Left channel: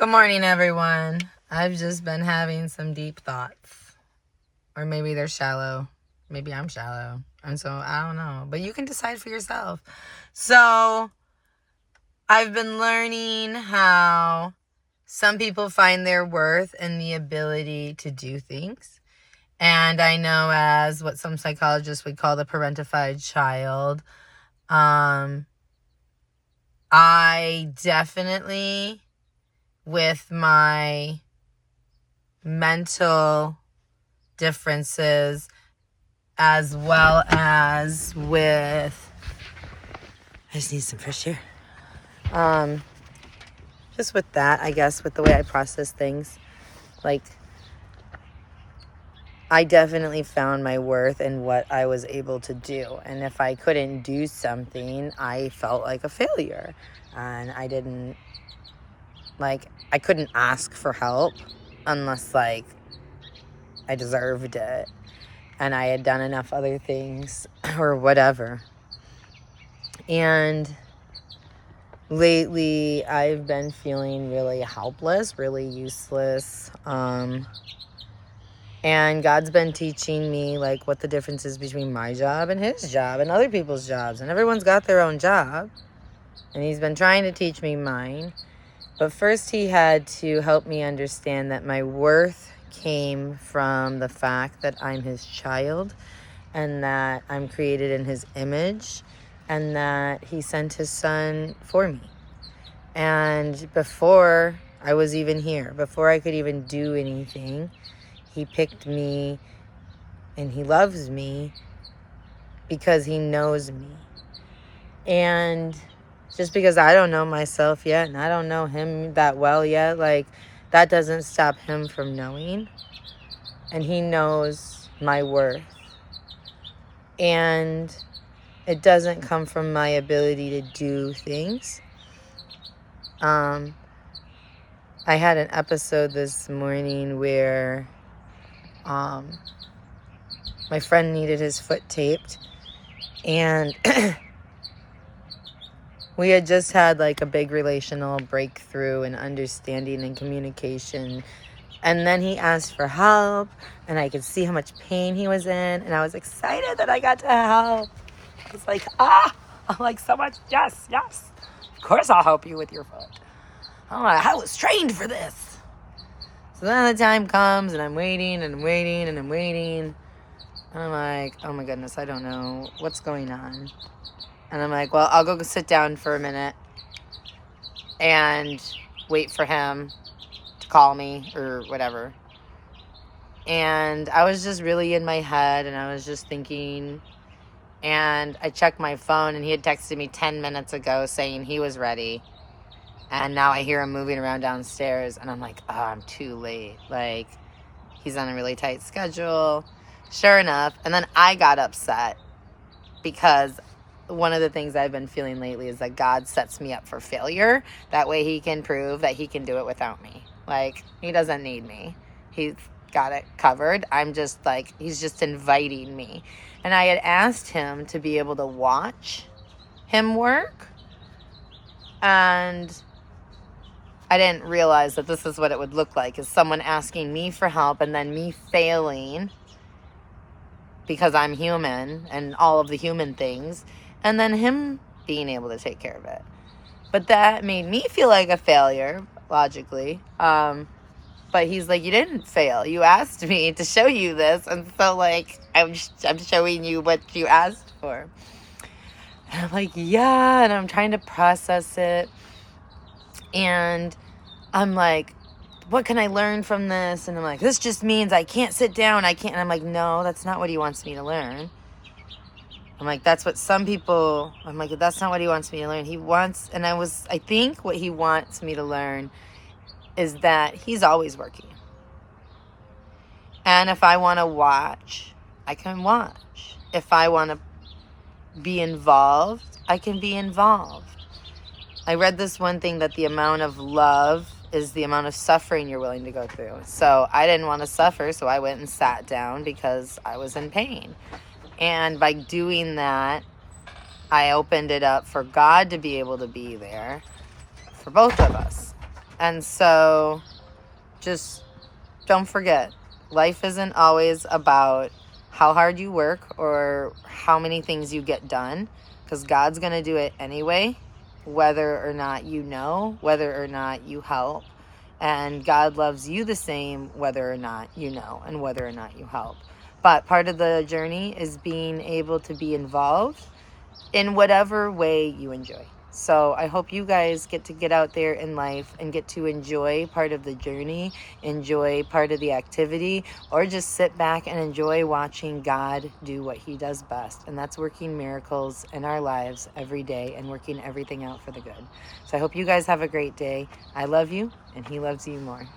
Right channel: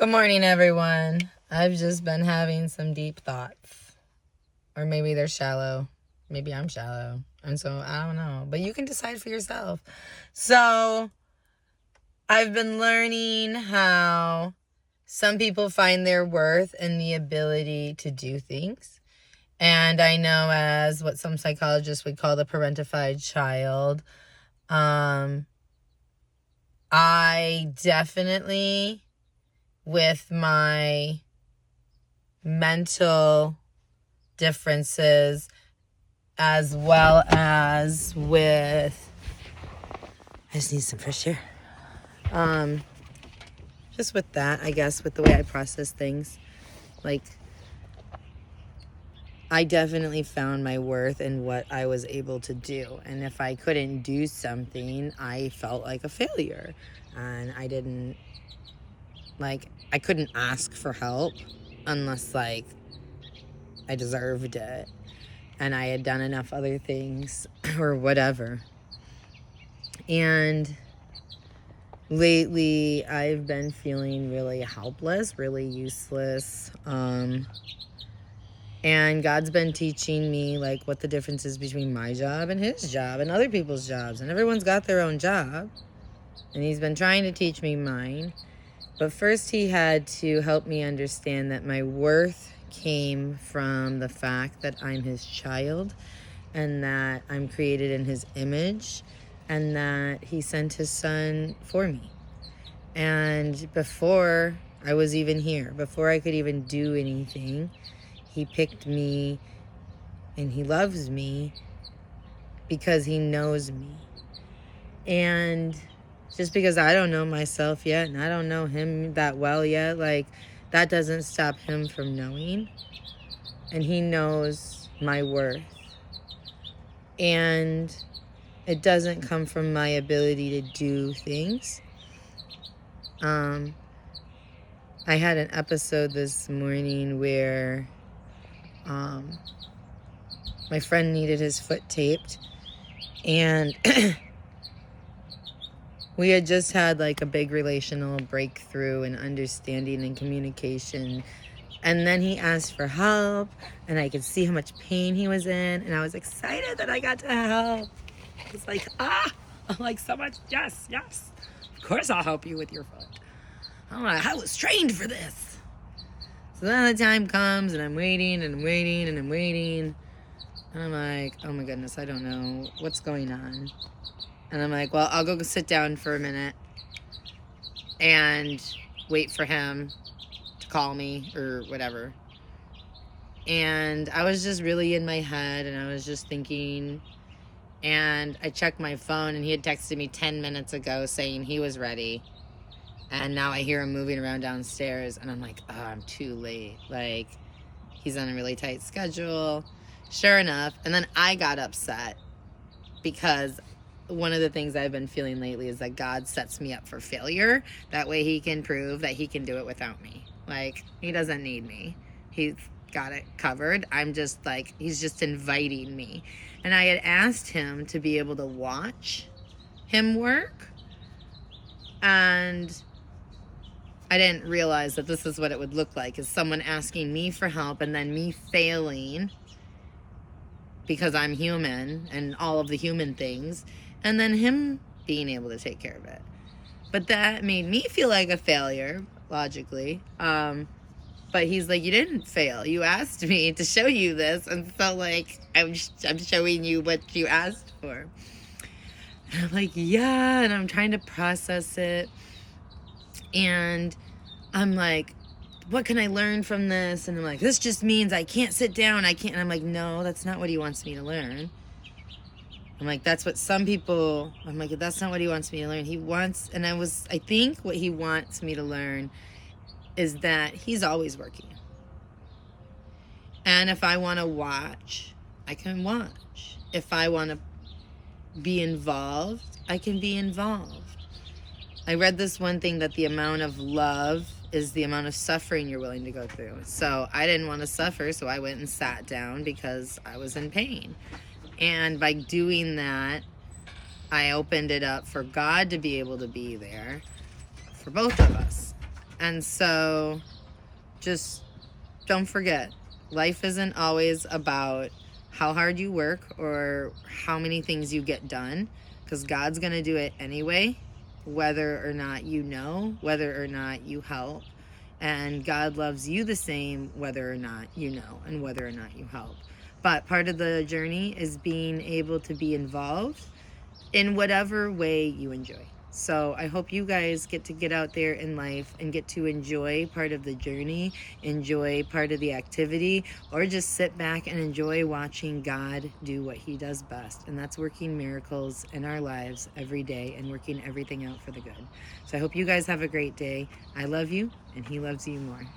Good morning, everyone. I've just been having some deep thoughts. Or maybe they're shallow. Maybe I'm shallow. And so I don't know. But you can decide for yourself. So I've been learning how some people find their worth in the ability to do things. And I know as what some psychologists would call the parentified child. I definitely, with my mental differences, as well as with, I just need some fresh air. Just with that, I guess, with the way I process things, like, I definitely found my worth in what I was able to do. And if I couldn't do something, I felt like a failure. And I couldn't ask for help unless, I deserved it. And I had done enough other things or whatever. And lately, I've been feeling really helpless, really useless. And God's been teaching me, what the difference is between my job and his job and other people's jobs. And everyone's got their own job. And he's been trying to teach me mine. But first he had to help me understand that my worth came from the fact that I'm his child and that I'm created in his image and that he sent his son for me. And before I was even here, before I could even do anything, he picked me and he loves me because he knows me. And just because I don't know myself yet and I don't know him that well yet, that doesn't stop him from knowing. And he knows my worth. And it doesn't come from my ability to do things. I had an episode this morning where my friend needed his foot taped, and we had just had a big relational breakthrough and understanding and communication, and then he asked for help, and I could see how much pain he was in, and I was excited that I got to help. It's I'm so much, yes, of course I'll help you with your foot. I was trained for this. So then the time comes, and I'm waiting, and I'm waiting, and I'm waiting. And I'm like, oh my goodness, I don't know what's going on. And I'm like, well, I'll go sit down for a minute and wait for him to call me or whatever. And I was just really in my head, and I was just thinking, and I checked my phone, and he had texted me 10 minutes ago saying he was ready. And now I hear him moving around downstairs, and I'm like, oh, I'm too late. He's on a really tight schedule. Sure enough, and then I got upset because one of the things I've been feeling lately is that God sets me up for failure. That way he can prove that he can do it without me. He doesn't need me. He's got it covered. I'm just he's just inviting me. And I had asked him to be able to watch him work. And I didn't realize that this is what it would look like, is someone asking me for help and then me failing because I'm human and all of the human things, and then him being able to take care of it. But that made me feel like a failure, logically. But he's like, you didn't fail. You asked me to show you this, and so I'm showing you what you asked for. And I'm like, yeah, and I'm trying to process it. And I'm like, what can I learn from this? And I'm like, this just means I can't sit down. I can't. And I'm like, no, that's not what he wants me to learn. I'm like, that's what some people, I'm like, that's not what he wants me to learn. He wants, and I think what he wants me to learn is that he's always working. And if I want to watch, I can watch. If I want to be involved, I can be involved. I read this one thing that the amount of love is the amount of suffering you're willing to go through. So I didn't want to suffer, so I went and sat down because I was in pain. And by doing that, I opened it up for God to be able to be there for both of us. And so just don't forget, life isn't always about how hard you work or how many things you get done, because God's going to do it anyway, whether or not you know, whether or not you help. And God loves you the same whether or not you know and whether or not you help. But part of the journey is being able to be involved in whatever way you enjoy. So I hope you guys get out there in life and get to enjoy part of the journey, enjoy part of the activity, or just sit back and enjoy watching God do what he does best. And that's working miracles in our lives every day and working everything out for the good. So I hope you guys have a great day. I love you, and he loves you more.